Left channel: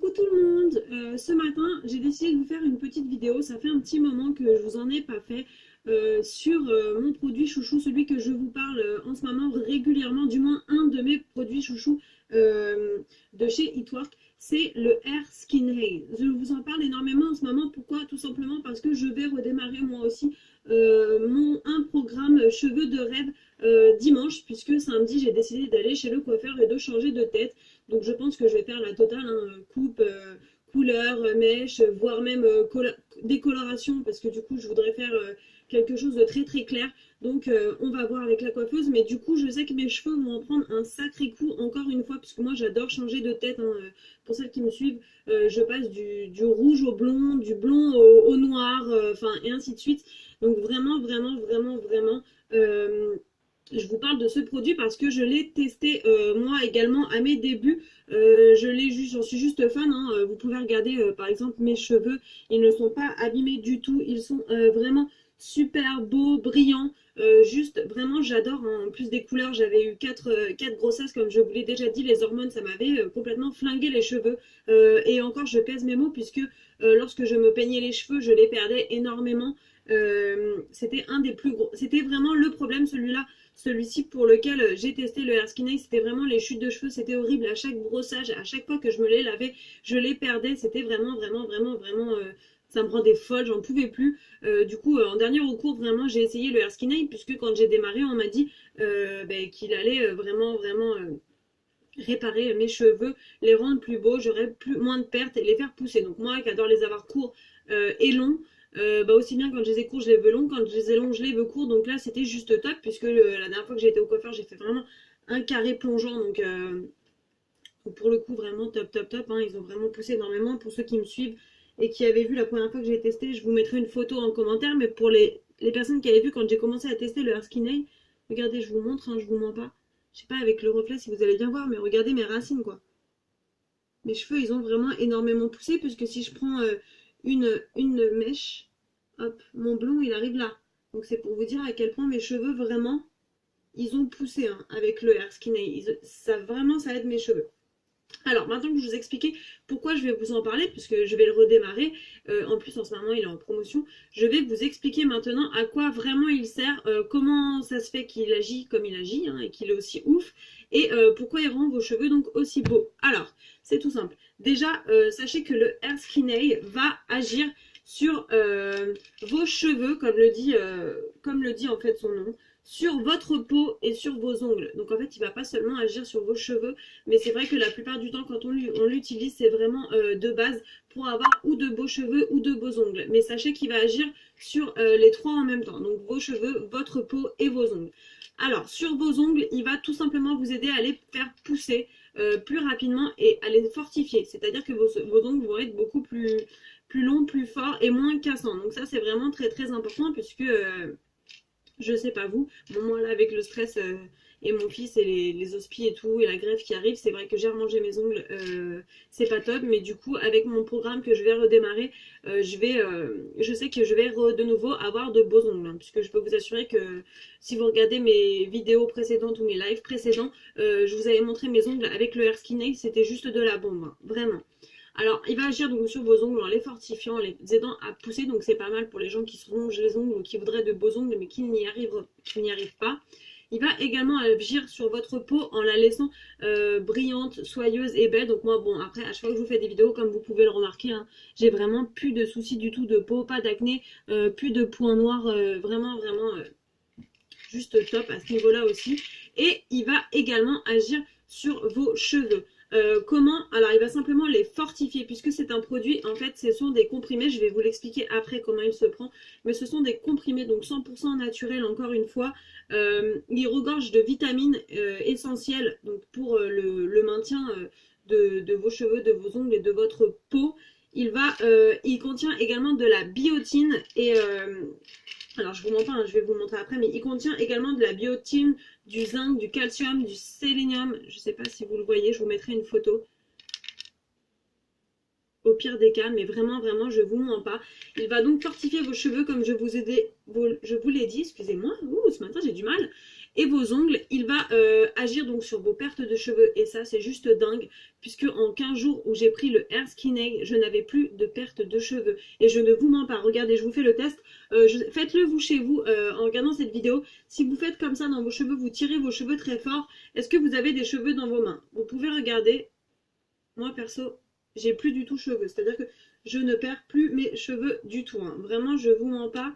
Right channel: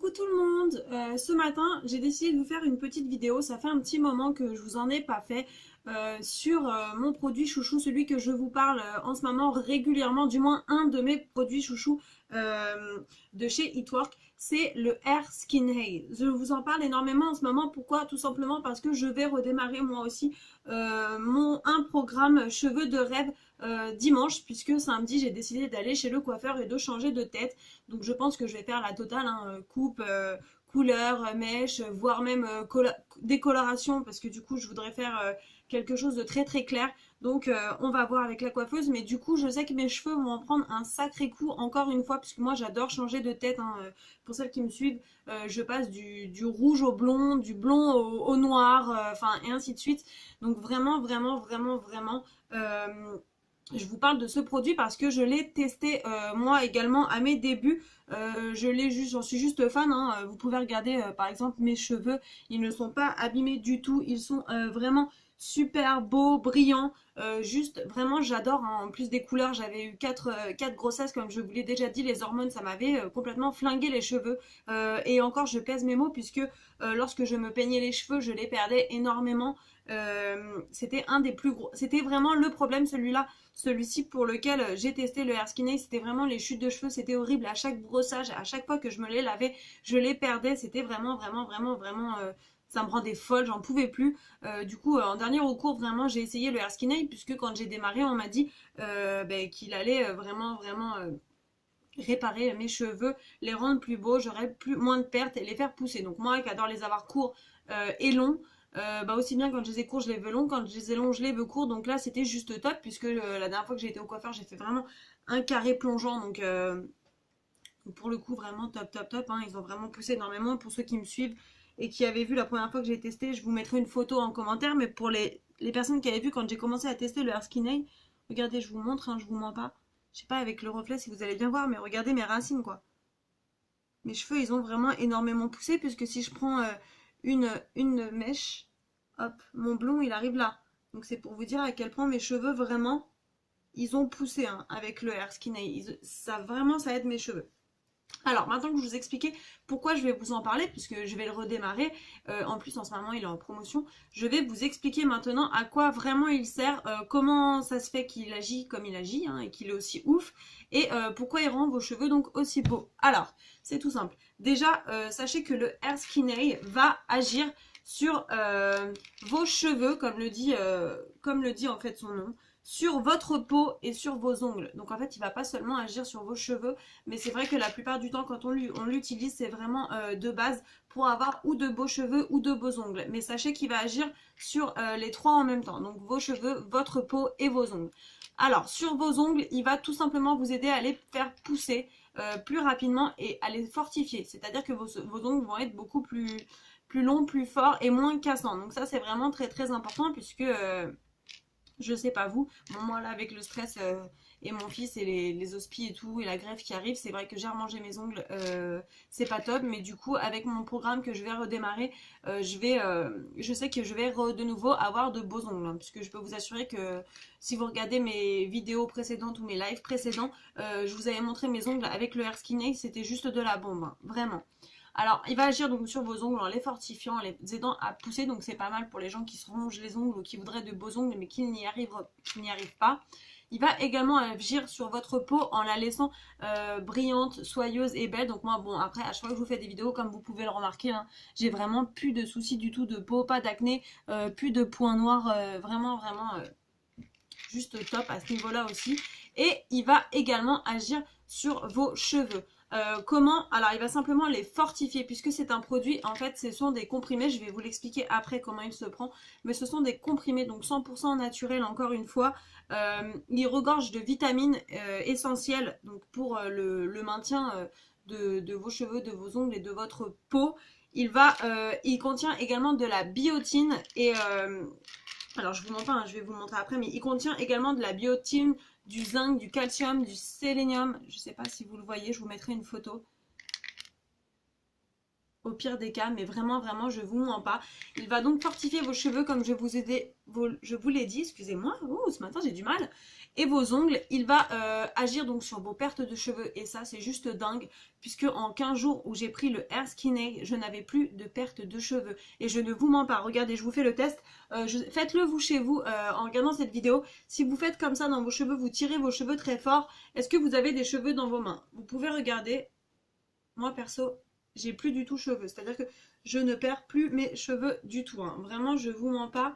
Coucou tout le monde. Ce matin j'ai décidé de vous faire une petite vidéo, ça fait un petit moment que je vous en ai pas fait sur mon produit chouchou, celui que je vous parle en ce moment régulièrement, du moins un de mes produits chouchous de chez Eatwork, c'est le Air Skin Haze. Je vous en parle énormément en ce moment, pourquoi? Tout simplement parce que je vais redémarrer moi aussi un programme cheveux de rêve dimanche, puisque samedi j'ai décidé d'aller chez le coiffeur et de changer de tête. Donc je pense que je vais faire la totale, hein, coupe, couleur, mèche, voire même décoloration, parce que du coup je voudrais faire quelque chose de très très clair. Donc on va voir avec la coiffeuse, mais du coup je sais que mes cheveux vont en prendre un sacré coup encore une fois, parce que moi j'adore changer de tête, hein. Pour celles qui me suivent, je passe du rouge au blond, du blond au noir, enfin et ainsi de suite. Donc vraiment, vraiment, vraiment, vraiment... je vous parle de ce produit parce que je l'ai testé moi également à mes débuts. J'en suis juste fan, hein. Vous pouvez regarder par exemple mes cheveux, ils ne sont pas abîmés du tout, ils sont vraiment super beaux, brillants. Juste vraiment j'adore, hein. En plus des couleurs, j'avais eu quatre grossesses comme je vous l'ai déjà dit, les hormones ça m'avait complètement flingué les cheveux. Et encore je pèse mes mots puisque lorsque je me peignais les cheveux je les perdais énormément. C'était un des plus gros, c'était vraiment le problème celui-là. Celui-ci pour lequel j'ai testé le Air Skin Ace, c'était vraiment les chutes de cheveux, c'était horrible. À chaque brossage, à chaque fois que je me les lavais, je les perdais. C'était vraiment, vraiment, vraiment, vraiment... ça me rendait folle, j'en pouvais plus. Du coup, en dernier recours, vraiment, j'ai essayé le Air Skin Ace, puisque quand j'ai démarré, on m'a dit qu'il allait vraiment, vraiment... réparer mes cheveux, les rendre plus beaux, j'aurais moins de pertes et les faire pousser. Donc moi qui adore les avoir courts et longs, aussi bien quand je les ai courts je les veux longs, quand je les ai longs je les veux courts. Donc là c'était juste top, puisque la dernière fois que j'ai été au coiffeur j'ai fait vraiment un carré plongeant. Donc pour le coup vraiment top top top, hein. Ils ont vraiment poussé énormément. Pour ceux qui me suivent et qui avaient vu la première fois que j'ai testé, je vous mettrai une photo en commentaire. Mais pour les personnes qui avaient vu quand j'ai commencé à tester le Air Skin Eye, regardez, je vous montre, hein, je vous mens pas. Je sais pas avec le reflet si vous allez bien voir, mais regardez mes racines quoi. Mes cheveux ils ont vraiment énormément poussé, puisque si je prends une mèche, hop, mon blond il arrive là. Donc c'est pour vous dire à quel point mes cheveux vraiment ils ont poussé, hein, avec le Air Skin Eye. Ça vraiment ça aide mes cheveux. Alors maintenant que je vous ai expliqué pourquoi je vais vous en parler, puisque je vais le redémarrer, en plus en ce moment il est en promotion, je vais vous expliquer maintenant à quoi vraiment il sert, comment ça se fait qu'il agit comme il agit, hein, et qu'il est aussi ouf, et pourquoi il rend vos cheveux donc aussi beaux. Alors c'est tout simple, déjà sachez que le Air Skin Eye va agir sur vos cheveux, comme le dit en fait son nom, sur votre peau et sur vos ongles. Donc en fait il va pas seulement agir sur vos cheveux, mais c'est vrai que la plupart du temps quand on l'utilise c'est vraiment de base pour avoir ou de beaux cheveux ou de beaux ongles. Mais sachez qu'il va agir sur les trois en même temps, donc vos cheveux, votre peau et vos ongles. Alors sur vos ongles, il va tout simplement vous aider à les faire pousser plus rapidement et à les fortifier. C'est-à-dire que vos ongles vont être beaucoup plus longs, plus forts et moins cassants. Donc ça c'est vraiment très très important, puisque je sais pas vous, bon moi là avec le stress et mon fils et les hospies et tout et la greffe qui arrive, c'est vrai que j'ai remangé mes ongles, c'est pas top. Mais du coup avec mon programme que je vais redémarrer, je sais que je vais de nouveau avoir de beaux ongles, hein, puisque je peux vous assurer que si vous regardez mes vidéos précédentes ou mes lives précédents, je vous avais montré mes ongles avec le Air Skin Eye, c'était juste de la bombe, hein, vraiment. Alors, il va agir donc sur vos ongles en les fortifiant, en les aidant à pousser. Donc, c'est pas mal pour les gens qui se rongent les ongles ou qui voudraient de beaux ongles mais qui n'y arrivent pas. Il va également agir sur votre peau en la laissant brillante, soyeuse et belle. Donc moi, bon, après, à chaque fois que je vous fais des vidéos, comme vous pouvez le remarquer, hein, j'ai vraiment plus de soucis du tout de peau, pas d'acné, plus de points noirs, vraiment, vraiment juste top à ce niveau-là aussi. Et il va également agir sur vos cheveux. Comment? Alors il va simplement les fortifier, puisque c'est un produit, en fait ce sont des comprimés, je vais vous l'expliquer après comment il se prend, mais ce sont des comprimés donc 100% naturels encore une fois. Il regorge de vitamines essentielles donc pour le maintien de vos cheveux, de vos ongles et de votre peau. Il contient également de la biotine et alors je vous montre pas, hein, je vais vous montrer après, mais il contient également de la biotine, du zinc, du calcium, du sélénium. Je sais pas si vous le voyez, je vous mettrai une photo au pire des cas, mais vraiment, vraiment, je vous mens pas. Il va donc fortifier vos cheveux comme je vous l'ai dit, excusez-moi, ce matin j'ai du mal. Et vos ongles, il va agir donc sur vos pertes de cheveux. Et ça, c'est juste dingue, puisque en 15 jours où j'ai pris le Hair Skin Aid, je n'avais plus de perte de cheveux. Et je ne vous mens pas, regardez, je vous fais le test. Faites-le vous chez vous en regardant cette vidéo. Si vous faites comme ça dans vos cheveux, vous tirez vos cheveux très fort, est-ce que vous avez des cheveux dans vos mains? Vous pouvez regarder. Moi, perso, j'ai plus du tout cheveux. C'est-à-dire que je ne perds plus mes cheveux du tout. Hein. Vraiment, je vous mens pas.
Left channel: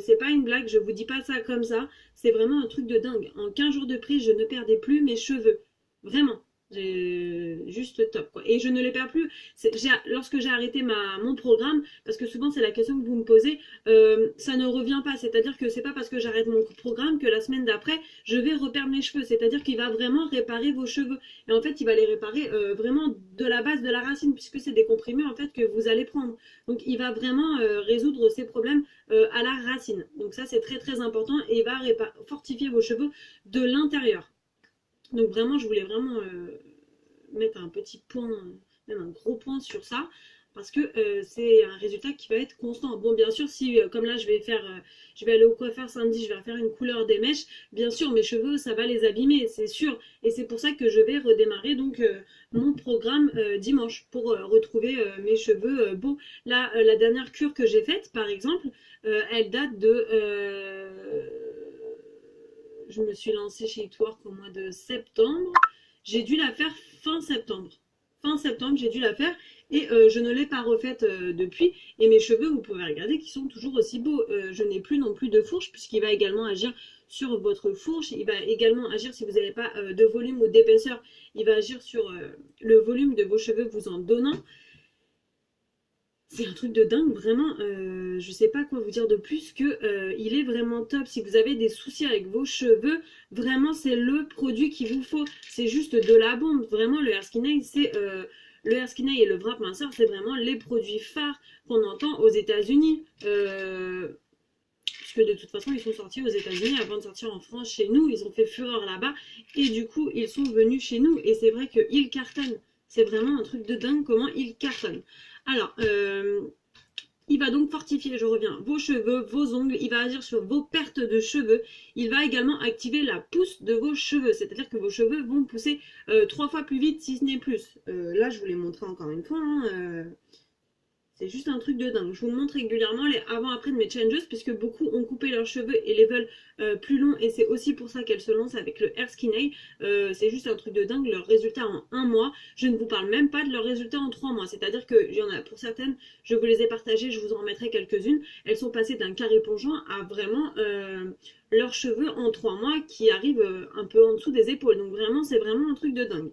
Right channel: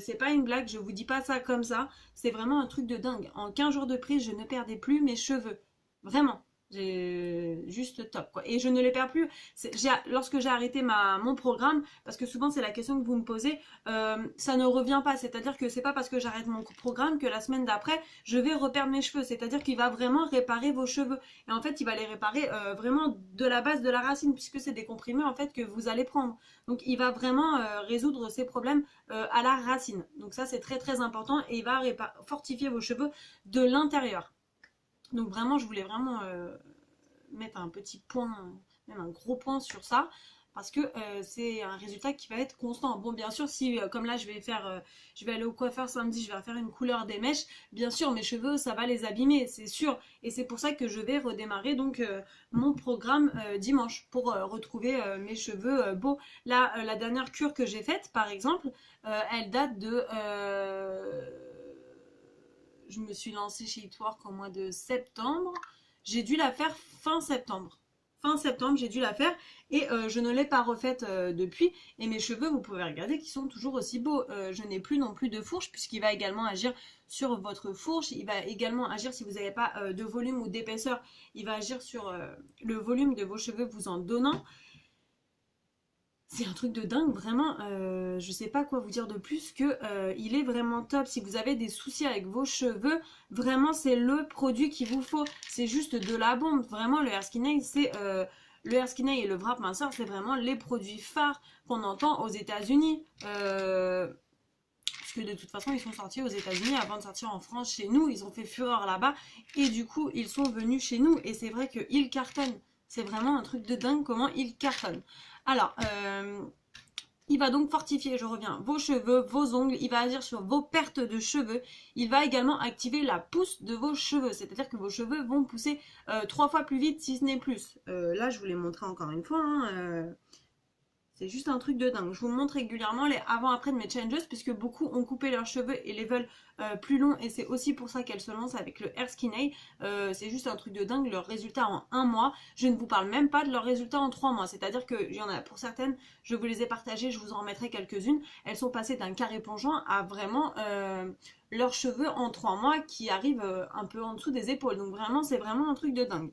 C'est pas une blague, je vous dis pas ça comme ça. C'est vraiment un truc de dingue. En 15 jours de prise, je ne perdais plus mes cheveux. Vraiment. Juste top quoi. Et je ne les perds plus. Lorsque j'ai arrêté mon programme, parce que souvent c'est la question que vous me posez, ça ne revient pas. C'est-à-dire que c'est pas parce que j'arrête mon programme que la semaine d'après je vais reperdre mes cheveux. C'est-à-dire qu'il va vraiment réparer vos cheveux. Et en fait il va les réparer vraiment de la base de la racine, puisque c'est des comprimés en fait que vous allez prendre. Donc il va vraiment résoudre ces problèmes à la racine. Donc ça c'est très très important et il va fortifier vos cheveux de l'intérieur. Donc vraiment, je voulais vraiment mettre un petit point, même un gros point sur ça, parce que c'est un résultat qui va être constant. Bon, bien sûr, si comme là, je vais aller au coiffeur samedi, je vais faire une couleur des mèches, bien sûr, mes cheveux, ça va les abîmer, c'est sûr. Et c'est pour ça que je vais redémarrer donc mon programme dimanche pour retrouver mes cheveux beaux. Là, la dernière cure que j'ai faite, par exemple, elle date de... je me suis lancée chez Itwork au mois de septembre. J'ai dû la faire fin septembre. Fin septembre, j'ai dû la faire et je ne l'ai pas refaite depuis. Et mes cheveux, vous pouvez regarder qu'ils sont toujours aussi beaux. Je n'ai plus non plus de fourche puisqu'il va également agir sur votre fourche. Il va également agir si vous n'avez pas de volume ou d'épaisseur. Il va agir sur le volume de vos cheveux vous en donnant. C'est un truc de dingue, vraiment, je sais pas quoi vous dire de plus que il est vraiment top. Si vous avez des soucis avec vos cheveux, vraiment c'est le produit qu'il vous faut. C'est juste de la bombe. Vraiment le Hair Skin Aid, c'est le Hair Skin Aid et le Wrap Minceur, c'est vraiment les produits phares qu'on entend aux États-Unis. Parce que de toute façon, ils sont sortis aux États-Unis avant de sortir en France chez nous. Ils ont fait fureur là-bas et du coup, ils sont venus chez nous. Et c'est vrai qu'ils cartonnent. C'est vraiment un truc de dingue comment ils cartonnent. Alors, il va donc fortifier, je reviens, vos cheveux, vos ongles, il va agir sur vos pertes de cheveux, il va également activer la pousse de vos cheveux, c'est-à-dire que vos cheveux vont pousser 3 fois plus vite si ce n'est plus. Là, je vous l'ai montré encore une fois, hein, c'est juste un truc de dingue. Je vous montre régulièrement les avant-après de mes changes puisque beaucoup ont coupé leurs cheveux et les veulent plus longs et c'est aussi pour ça qu'elles se lancent avec le Hair Skin Aid. C'est juste un truc de dingue, leurs résultats en 1 mois. Je ne vous parle même pas de leurs résultats en 3 mois. C'est-à-dire que y en a pour certaines, je vous les ai partagées, je vous en remettrai quelques-unes. Elles sont passées d'un carré plongeant à vraiment leurs cheveux en 3 mois qui arrivent un peu en dessous des épaules. Donc vraiment, c'est vraiment un truc de dingue.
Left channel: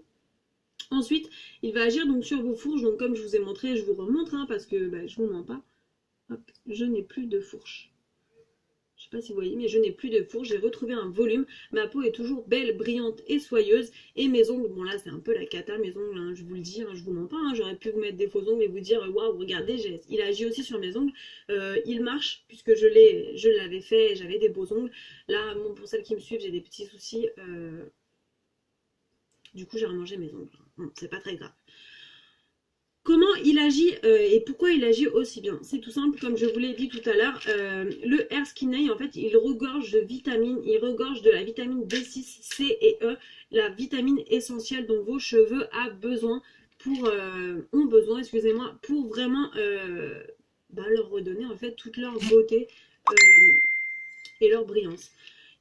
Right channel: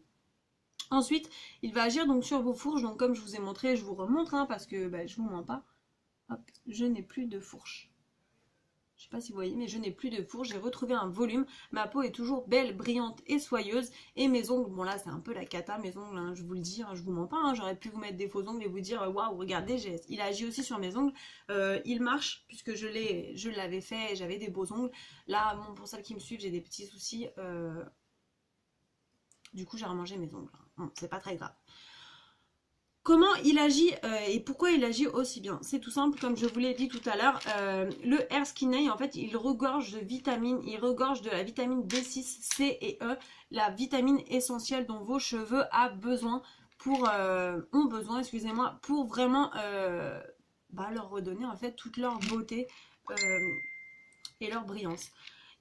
Ensuite, il va agir donc sur vos fourches. Donc comme je vous ai montré, je vous remontre hein, parce que je vous mens pas. Hop, je n'ai plus de fourche. Je sais pas si vous voyez, mais je n'ai plus de fourche. J'ai retrouvé un volume. Ma peau est toujours belle, brillante et soyeuse. Et mes ongles, bon là c'est un peu la cata, mes ongles, hein, je vous le dis, hein, je vous mens pas. Hein, j'aurais pu vous mettre des faux ongles et vous dire waouh, regardez, il agit aussi sur mes ongles. Il marche puisque je l'avais fait, j'avais des beaux ongles. Là, bon, pour celles qui me suivent, j'ai des petits soucis. Du coup, j'ai remangé mes ongles. Bon, c'est pas très grave. Comment il agit et pourquoi il agit aussi bien? C'est tout simple, comme je vous l'ai dit tout à l'heure. Le Hair Skin Aid, en fait, il regorge de vitamines. Il regorge de la vitamine B6, C et E, la vitamine essentielle dont vos cheveux ont besoin, excusez-moi, pour vraiment leur redonner en fait toute leur beauté et leur brillance.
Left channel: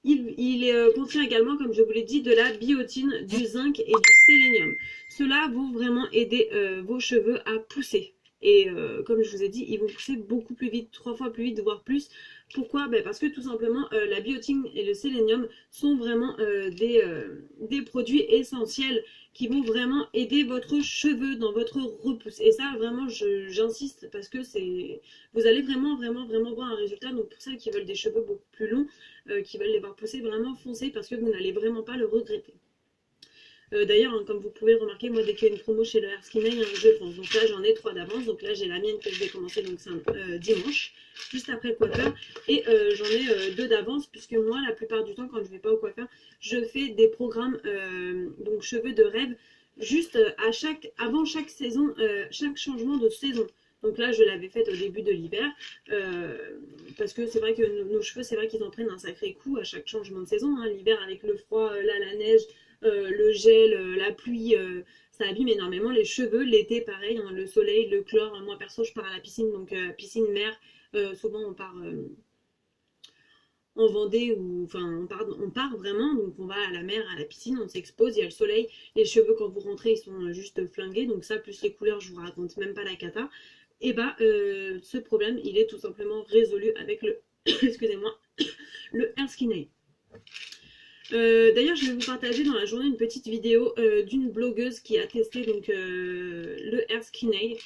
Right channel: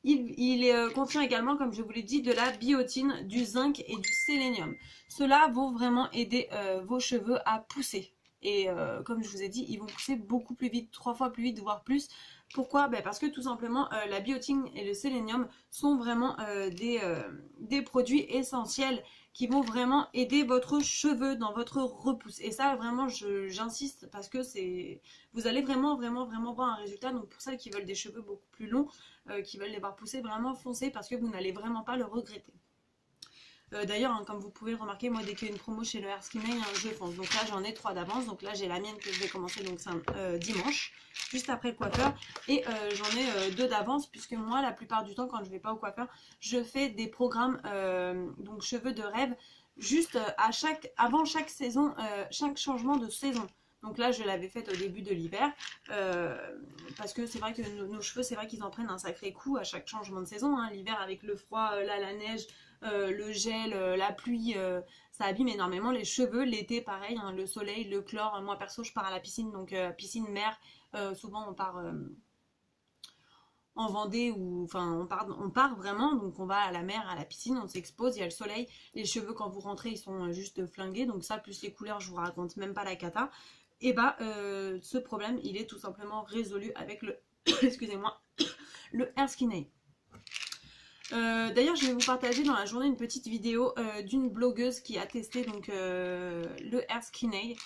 Il contient également, comme je vous l'ai dit, de la biotine, du zinc et du sélénium. Cela vont vraiment aider vos cheveux à pousser. Et comme je vous ai dit, ils vont pousser beaucoup plus vite, 3 fois plus vite, voire plus. Pourquoi? Parce que tout simplement, la biotine et le sélénium sont vraiment des produits essentiels qui vont vraiment aider votre cheveu dans votre repousse. Et ça, vraiment, j'insiste parce que vous allez vraiment voir un résultat. Donc pour celles qui veulent des cheveux beaucoup plus longs, qui veulent les voir pousser, vraiment foncez parce que vous n'allez vraiment pas le regretter. D'ailleurs, hein, comme vous pouvez le remarquer, moi dès qu'il y a une promo chez le Hair Skin Aid, je fonce. Donc là j'en ai 3 d'avance. Donc là j'ai la mienne que je vais commencer donc dimanche, juste après le coiffeur. Et j'en ai 2 d'avance puisque moi la plupart du temps quand je vais pas au coiffeur, je fais des programmes donc cheveux de rêve juste avant chaque saison, chaque changement de saison. Donc là, je l'avais faite au début de l'hiver. Parce que c'est vrai que nos cheveux, c'est vrai qu'ils en prennent un sacré coup à chaque changement de saison. Hein. L'hiver avec le froid, là, la neige, le gel, la pluie, ça abîme énormément les cheveux. L'été, pareil, hein, le soleil, le chlore. Moi, perso, je pars à la piscine, donc piscine mer. Souvent, on part en Vendée ou enfin on part vraiment, donc on va à la mer, à la piscine, on s'expose, il y a le soleil, les cheveux quand vous rentrez ils sont juste flingués, donc ça plus les couleurs je vous raconte même pas la cata. Et bah ce problème il est tout simplement résolu avec le excusez-moi le Air Skin Aid. D'ailleurs je vais vous partager dans la journée une petite vidéo d'une blogueuse qui a testé donc le Air Skin Aid.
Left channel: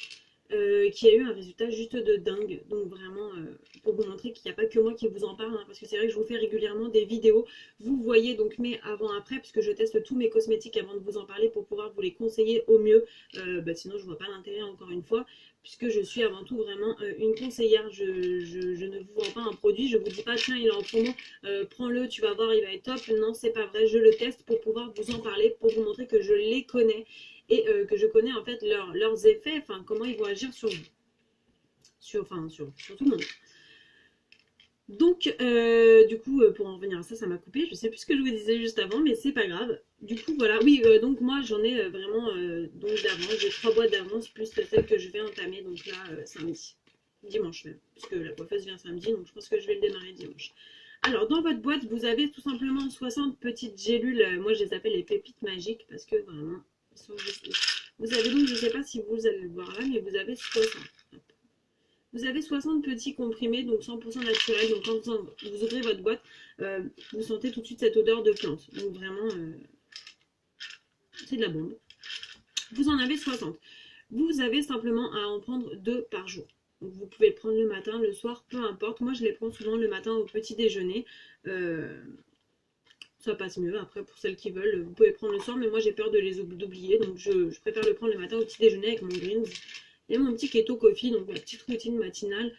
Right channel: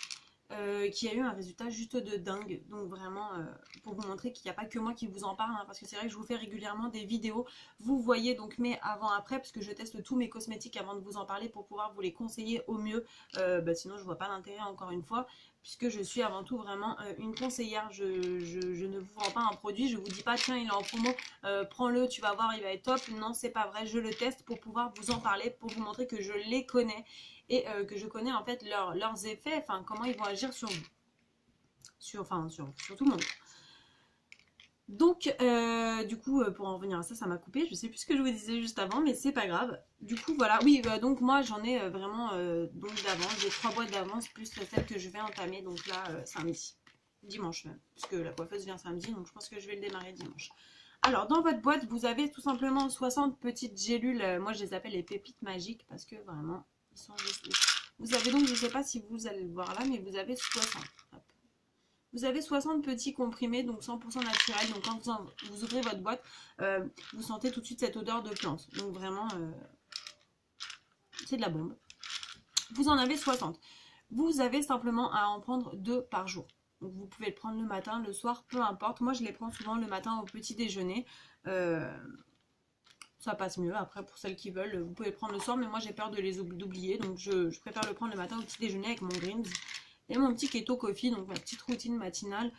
Qui a eu un résultat juste de dingue. Donc vraiment, pour vous montrer qu'il n'y a pas que moi qui vous en parle, hein, parce que c'est vrai que je vous fais régulièrement des vidéos. Vous voyez donc mes avant-après, parce que je teste tous mes cosmétiques avant de vous en parler pour pouvoir vous les conseiller au mieux. Sinon, je vois pas l'intérêt encore une fois, puisque je suis avant tout vraiment une conseillère. Je ne vous vends pas un produit, je vous dis pas tiens il est en promo, prends-le, tu vas voir, il va être top. Non, c'est pas vrai, je le teste pour pouvoir vous en parler, pour vous montrer que je les connais et que je connais en fait leurs effets, enfin comment ils vont agir sur vous, sur tout le monde. Donc du coup pour en revenir à ça, ça m'a coupé, je sais plus ce que je vous disais juste avant, mais c'est pas grave. Du coup voilà, oui donc moi j'en ai vraiment donc d'avance, j'ai 3 boîtes d'avance plus celle que je vais entamer donc là samedi, dimanche même, parce que la coiffeuse vient samedi, donc je pense que je vais le démarrer dimanche. Alors dans votre boîte vous avez tout simplement 60 petites gélules, moi je les appelle les pépites magiques parce que vraiment ils sont juste... Vous avez donc, je ne sais pas si vous allez le voir là, mais vous avez 60. Hop. Vous avez 60 petits comprimés, donc 100% naturels. Donc quand vous ouvrez votre boîte, vous sentez tout de suite cette odeur de plante. Donc vraiment, c'est de la bombe. Vous en avez 60. Vous avez simplement à en prendre 2 par jour. Donc vous pouvez le prendre le matin, le soir, peu importe. Moi, je les prends souvent le matin au petit déjeuner. Ça passe mieux. Après, pour celles qui veulent, vous pouvez le prendre le soir, mais moi j'ai peur de les oublier, donc je préfère le prendre le matin au petit déjeuner avec mon greens et mon petit keto coffee, donc ma petite routine matinale.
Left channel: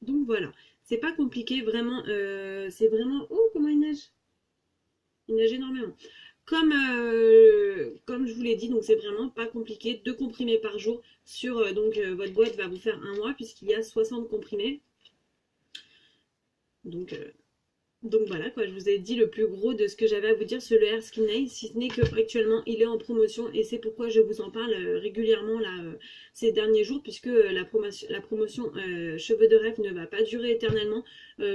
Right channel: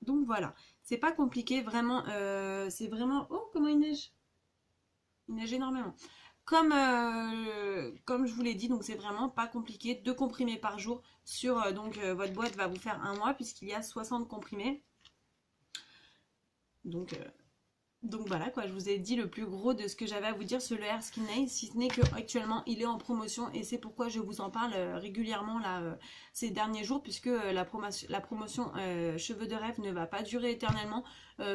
Donc voilà, c'est pas compliqué, vraiment, c'est vraiment... Oh, comment il neige! Il neige énormément. Comme je vous l'ai dit, donc c'est vraiment pas compliqué, 2 comprimés par jour sur, votre boîte va vous faire un mois, puisqu'il y a 60 comprimés. Donc voilà quoi, je vous ai dit le plus gros de ce que j'avais à vous dire sur le Air Skin Aid, si ce n'est qu'actuellement il est en promotion et c'est pourquoi je vous en parle régulièrement là ces derniers jours, puisque la promotion cheveux de rêve ne va pas durer éternellement.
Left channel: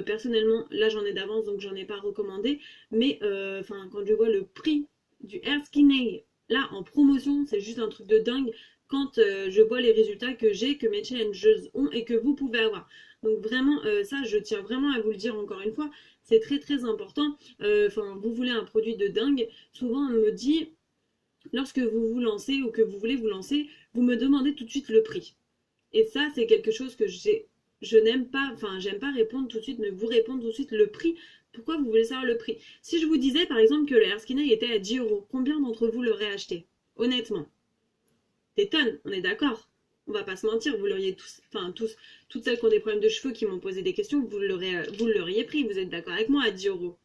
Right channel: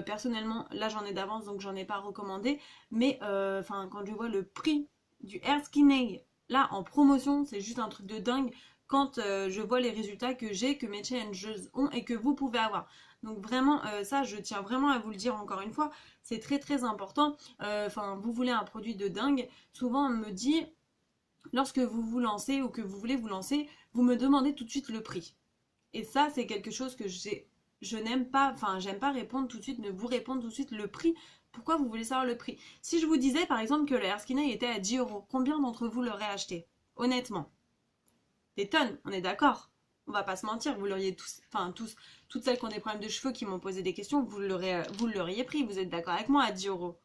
Personnellement là j'en ai d'avance donc j'en ai pas recommandé, mais quand je vois le prix du Air Skin Aid là en promotion, c'est juste un truc de dingue quand je vois les résultats que j'ai, que mes challengers ont et que vous pouvez avoir. Donc vraiment, ça, je tiens vraiment à vous le dire encore une fois, c'est très très important. Vous voulez un produit de dingue, souvent on me dit, lorsque vous vous lancez ou que vous voulez vous lancer, vous me demandez tout de suite le prix. Et ça, c'est quelque chose que je n'aime pas, j'aime pas répondre tout de suite, mais vous répondre tout de suite le prix. Pourquoi vous voulez savoir le prix? Si je vous disais par exemple que le Air Skin Aid était à 10 €, combien d'entre vous l'auraient acheté? Honnêtement. Des tonnes, on est d'accord. On va pas se mentir, vous l'auriez tous, toutes celles qui ont des problèmes de cheveux qui m'ont posé des questions, vous l'auriez pris, vous êtes d'accord avec moi, à 10 €.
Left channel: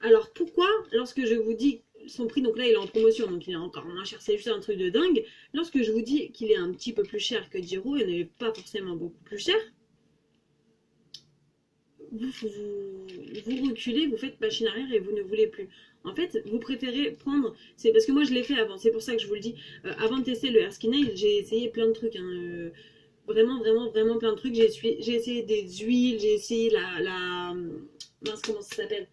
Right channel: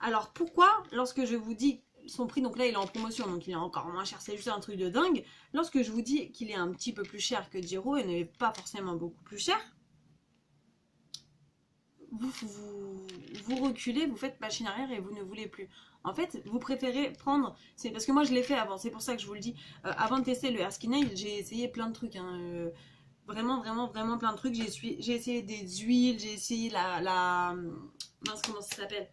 Alors pourquoi, lorsque je vous dis son prix, donc là il est en promotion, donc il est encore moins cher, c'est juste un truc de dingue, lorsque je vous dis qu'il est un petit peu plus cher que 10 € et n'est pas forcément beaucoup plus cher, vous reculez, vous faites machine arrière et vous ne voulez plus. En fait, vous préférez prendre... C'est parce que moi, je l'ai fait avant. C'est pour ça que je vous le dis. Avant de tester le Air Skin Aid, j'ai essayé plein de trucs. Hein. Vraiment, vraiment, vraiment plein de trucs. J'ai essayé des huiles. J'ai essayé mince, comment ça s'appelle?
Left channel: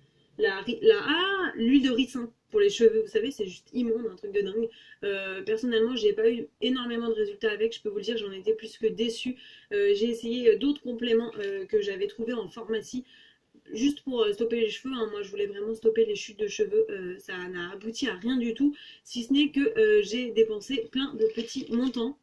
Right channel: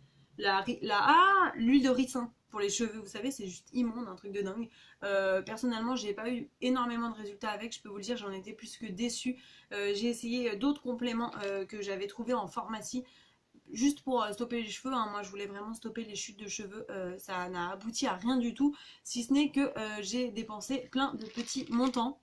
L'huile de ricin pour les cheveux. Vous savez, c'est juste immonde, un truc de dingue. Personnellement, j'ai pas eu énormément de résultats avec. Je peux vous le dire, j'en étais plus que déçue. J'ai essayé d'autres compléments que j'avais trouvés en pharmacie. Juste pour stopper les cheveux, hein. Moi je voulais vraiment stopper les chutes de cheveux, ça n'a abouti à rien du tout, si ce n'est que j'ai dépensé plein de petits montants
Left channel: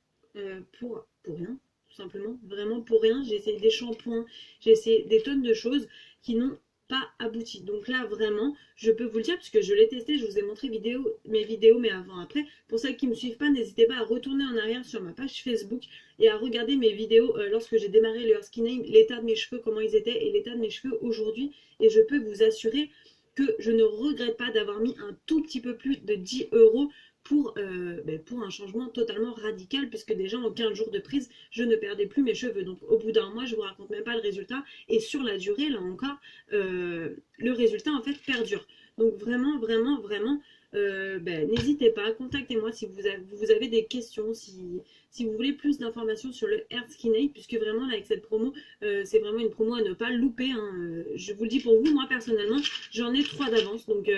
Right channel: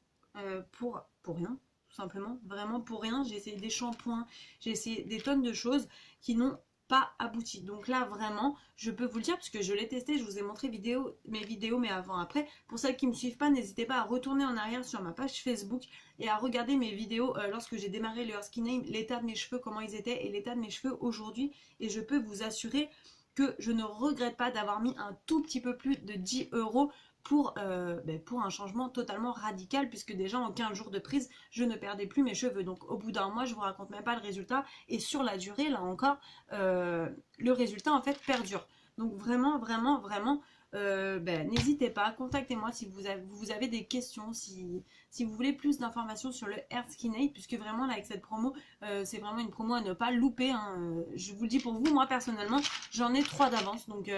pour rien, tout simplement, vraiment pour rien. J'ai essayé des shampoings, j'ai essayé des tonnes de choses qui n'ont pas abouti. Donc là vraiment, je peux vous le dire parce que je l'ai testé, je vous ai montré mes vidéos, mais avant après. Pour celles qui ne me suivent pas, n'hésitez pas à retourner en arrière sur ma page Facebook et à regarder mes vidéos lorsque j'ai démarré le Air Skin Aid, l'état de mes cheveux, comment ils étaient et l'état de mes cheveux aujourd'hui. Et je peux vous assurer que je ne regrette pas d'avoir mis un tout petit peu plus de 10 € pour un changement totalement radical, puisque déjà en 15 jours de prise, je ne perdais plus mes cheveux. Donc au bout d'un mois, je vous raconte même pas le résultat. Et sur la durée, là encore, le résultat en fait perdure. Donc vraiment, vraiment, vraiment, n'hésitez pas, contactez-moi si vous avez des questions, si vous voulez plus d'informations sur le Hair Skin Aid, puisque vraiment là avec cette promo, c'est vraiment une promo à ne pas louper, hein. Je vous le dis pour vous, moi personnellement, j'en ai 3 d'avance, donc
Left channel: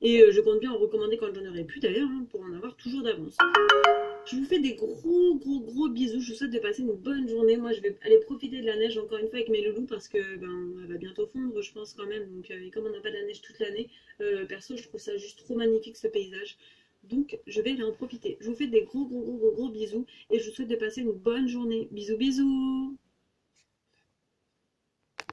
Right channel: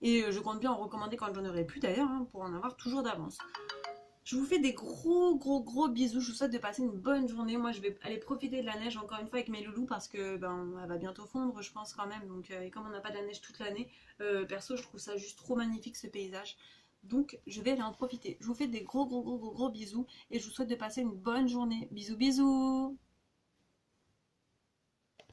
je compte bien en recommander quand j'en aurai plus d'ailleurs, hein, pour en avoir toujours d'avance. Je vous fais des gros gros gros bisous, je vous souhaite de passer une bonne journée. Moi je vais aller profiter de la neige encore une fois avec mes loulous parce que elle va bientôt fondre je pense quand même. Donc, et comme on n'a pas de la neige toute l'année, perso je trouve ça juste trop magnifique ce paysage. Donc je vais aller en profiter. Je vous fais des gros gros gros gros gros bisous et je vous souhaite de passer une bonne journée. Bisous bisous.